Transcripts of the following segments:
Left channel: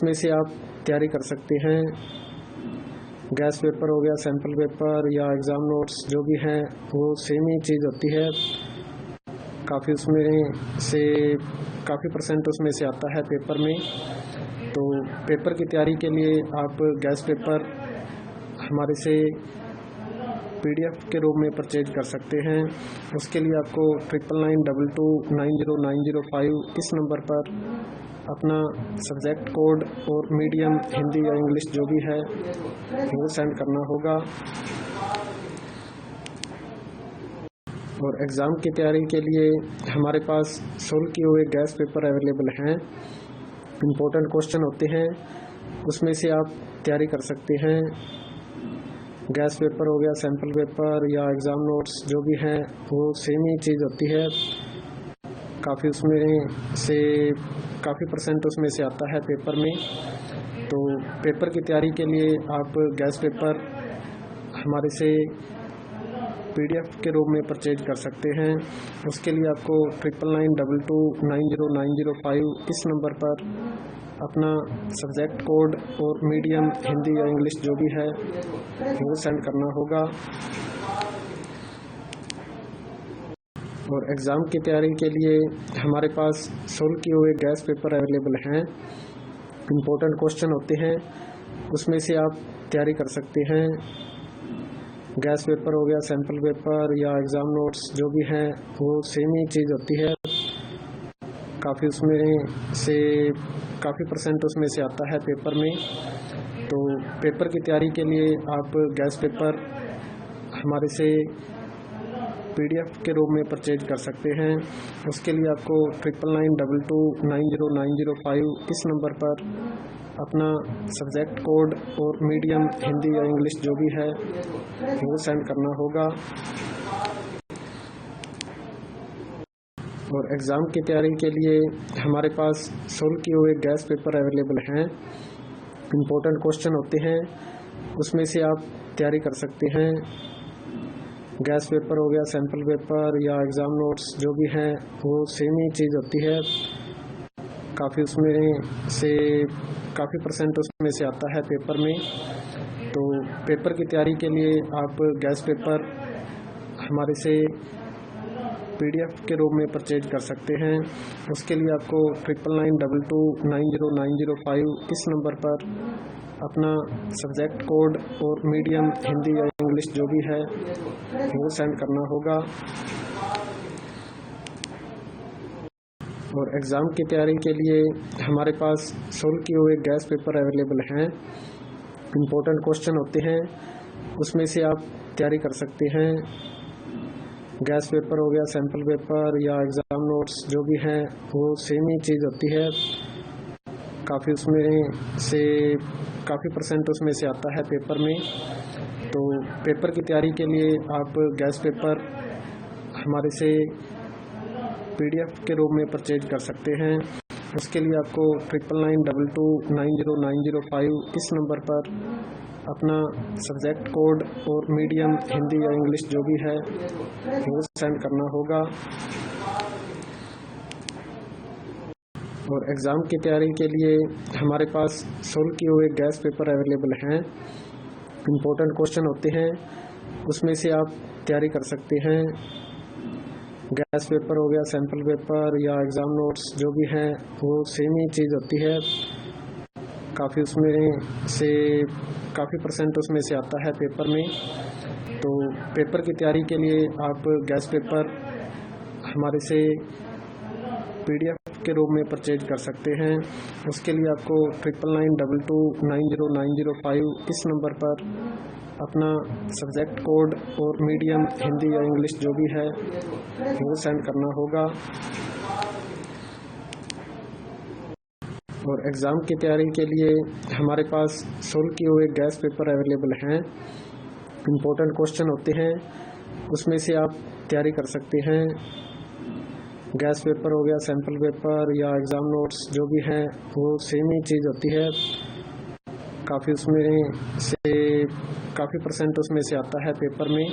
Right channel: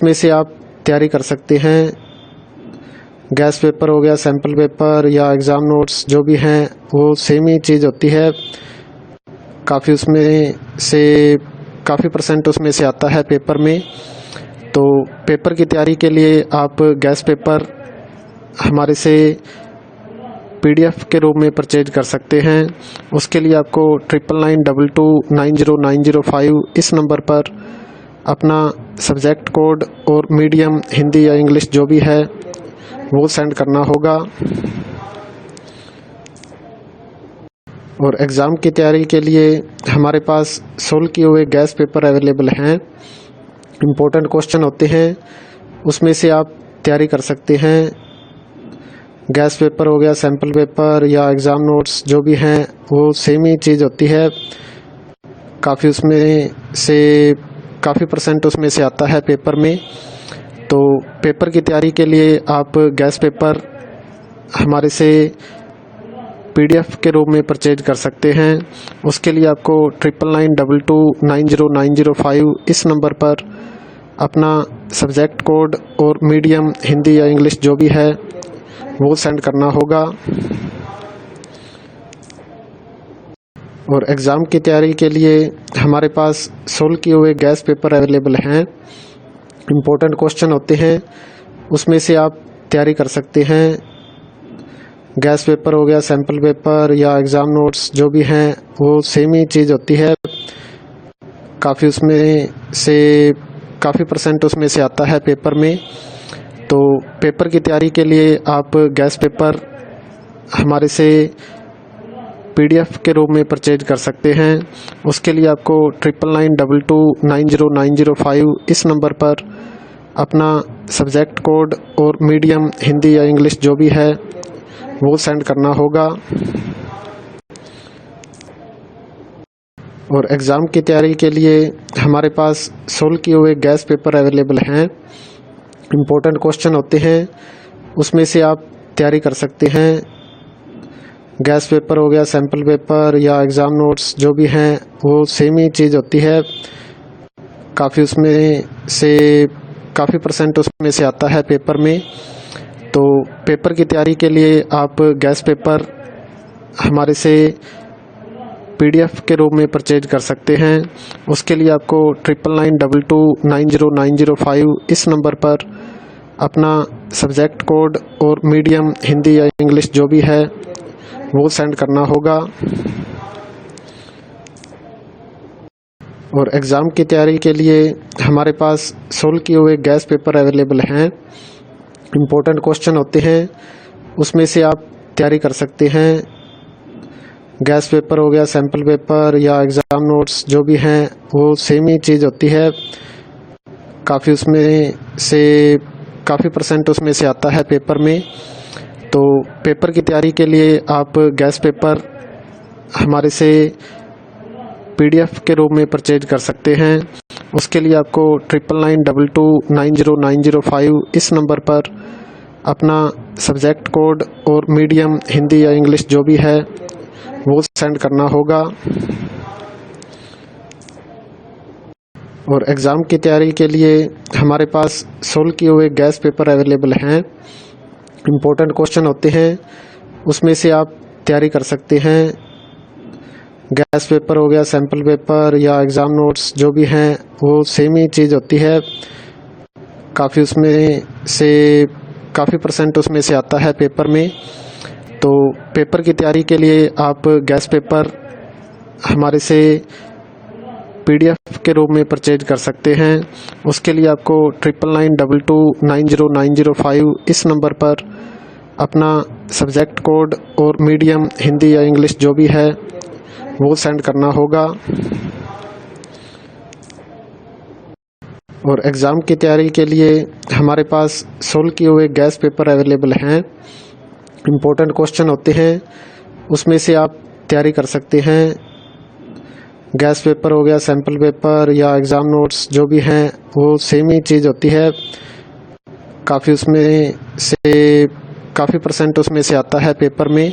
उसमें से आप तैयारी कर सकते हैं। गैस पेपर हो गया, सैम्पल पेपर या एग्ज़ाम नोट्स जो भी हैं वो सेम ही चीज़ होती है। काफ़ी उसमें से काफ़ी परसेंट उसमें से आता है पेपर में। तो पेपर की तैयारी के लिए आप गैस पेपर हमारे से PDF के रूप में परचेज कर सकते हैं। उसके लिए आपको 9992290905 इस नंबर पर अपना सब्जेक्ट कोड और मीडियम हिंदी या इंग्लिश जो भी है वो सेंड करना होगा। और एग्ज़ाम की तैयारी के लिए हमारे पास सोल्व किए हुए गैस पेपर अवेलेबल हैं। इम्पोर्टेंट क्वेश्चन होते हैं, उसमें से आप तैयारी कर सकते हैं। गैस पेपर हो गया, सैम्पल पेपर या एग्ज़ाम नोट्स जो भी हैं वो सेम ही चीज़ होती है। काफ़ी उसमें से काफ़ी परसेंट उसमें से आता है पेपर में। तो पेपर की तैयारी के लिए आप गैस पेपर हमारे से PDF के रूप में परचेज कर सकते हैं। उसके लिए आपको 9992290905 इस नंबर पर अपना सब्जेक्ट कोड और मीडियम हिंदी या इंग्लिश जो भी है वो सेंड करना होगा। और एग्ज़ाम की तैयारी के लिए हमारे पास सोल्व किए हुए गैस पेपर अवेलेबल हैं। इम्पोर्टेंट क्वेश्चन होते हैं, उसमें से आप तैयारी कर सकते हैं। गैस पेपर हो गया, सैम्पल पेपर या एग्ज़ाम नोट्स जो भी हैं वो सेम ही चीज़ होती है। काफ़ी उसमें से काफ़ी परसेंट उसमें से आता है पेपर में। तो पेपर की तैयारी के लिए आप गैस पेपर हमारे से PDF के रूप में परचेज कर सकते हैं। उसके लिए आपको 9992290905 इस नंबर पर अपना सब्जेक्ट कोड और मीडियम हिंदी या इंग्लिश जो भी है वो सेंड करना होगा। और एग्ज़ाम की तैयारी के लिए हमारे पास सोल्व किए हुए गैस पेपर अवेलेबल हैं। इम्पोर्टेंट क्वेश्चन होते हैं, उसमें से आप तैयारी कर सकते हैं। गैस पेपर हो गया, सैम्पल पेपर या एग्ज़ाम नोट्स जो भी हैं वो सेम ही चीज़ होती है। काफ़ी उसमें से काफ़ी परसेंट उसमें से आता है पेपर में। तो पेपर की तैयारी के लिए आप गैस पेपर हमारे से PDF के रूप में परचेज कर सकते हैं। उसके लिए आपको 9992290905 इस नंबर पर अपना सब्जेक्ट कोड और मीडियम हिंदी या इंग्लिश जो भी है वो सेंड करना होगा। और एग्ज़ाम की तैयारी के लिए हमारे पास सोल्व किए हुए गैस पेपर अवेलेबल हैं। इम्पोर्टेंट क्वेश्चन होते हैं, उसमें से आप तैयारी कर सकते हैं। गैस पेपर हो गया, सैम्पल पेपर या एग्ज़ाम नोट्स जो भी हैं वो सेम ही चीज़ होती है। काफ़ी उसमें से काफ़ी परसेंट उसमें से आता है पेपर में। तो पेपर की तैयारी के लिए आप गैस पेपर हमारे से PDF के रूप में परचेज कर सकते हैं। उसके लिए आपको 9992290905 इस नंबर पर अपना सब्जेक्ट कोड और मीडियम हिंदी या इंग्लिश जो भी है वो सेंड करना होगा। और एग्ज़ाम की तैयारी के लिए हमारे पास सोल्व किए हुए गैस पेपर अवेलेबल हैं। इम्पोर्टेंट क्वेश्चन होते हैं, उसमें से आप तैयारी कर सकते हैं। गैस पेपर हो गया, सैम्पल पेपर या एग्ज़ाम नोट्स जो भी हैं वो सेम ही चीज़ होती है। काफ़ी उसमें से काफ़ी परसेंट उसमें से आता है पेपर में। तो पेपर की तैयारी के लिए आप गैस पेपर हमारे से PDF के रूप में परचेज कर सकते हैं। उसके लिए आपको 9992290905 इस नंबर पर अपना सब्जेक्ट कोड और मीडियम हिंदी या इंग्लिश जो भी है वो सेंड करना होगा। और एग्ज़ाम की तैयारी के लिए हमारे पास सोल्व किए हुए गैस पेपर अवेलेबल हैं। इम्पोर्टेंट क्वेश्चन होते हैं, उसमें से आप तैयारी कर सकते हैं। गैस पेपर हो गया, सैम्पल पेपर या एग्ज़ाम नोट्स जो भी हैं वो सेम ही चीज़ होती है। काफ़ी उसमें से काफ़ी परसेंट उसमें से आता है पेपर में।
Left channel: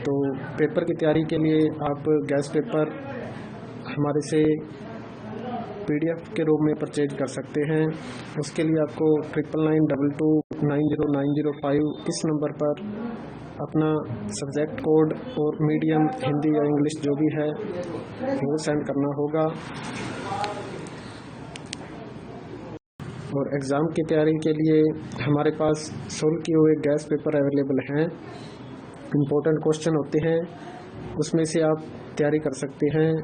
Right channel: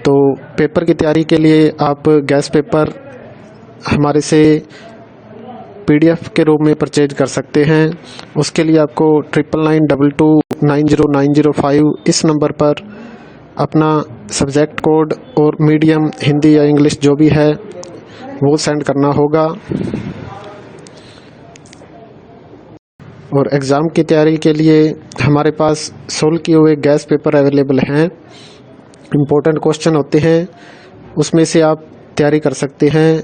तो पेपर की तैयारी के लिए आप गैस पेपर हमारे से PDF के रूप में परचेज कर सकते हैं। उसके लिए आपको 9992290905 इस नंबर पर अपना सब्जेक्ट कोड और मीडियम हिंदी या इंग्लिश जो भी है वो सेंड करना होगा। और एग्ज़ाम की तैयारी के लिए हमारे पास सोल्व किए हुए गैस पेपर अवेलेबल हैं। इम्पोर्टेंट क्वेश्चन होते हैं, उसमें से आप तैयारी कर सकते हैं।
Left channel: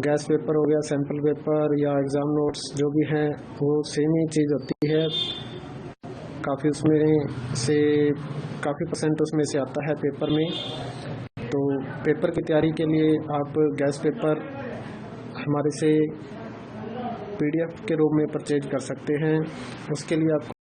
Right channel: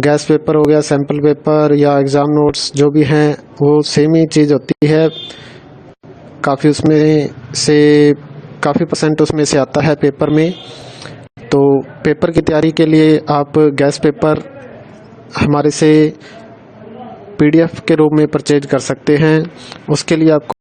गैस पेपर हो गया, सैम्पल पेपर या एग्ज़ाम नोट्स जो भी हैं वो सेम ही चीज़ होती है। काफ़ी परसेंट उसमें से आता है पेपर में। तो पेपर की तैयारी के लिए आप गैस पेपर हमारे से PDF के रूप में परचेज कर सकते हैं। उसके लिए आपको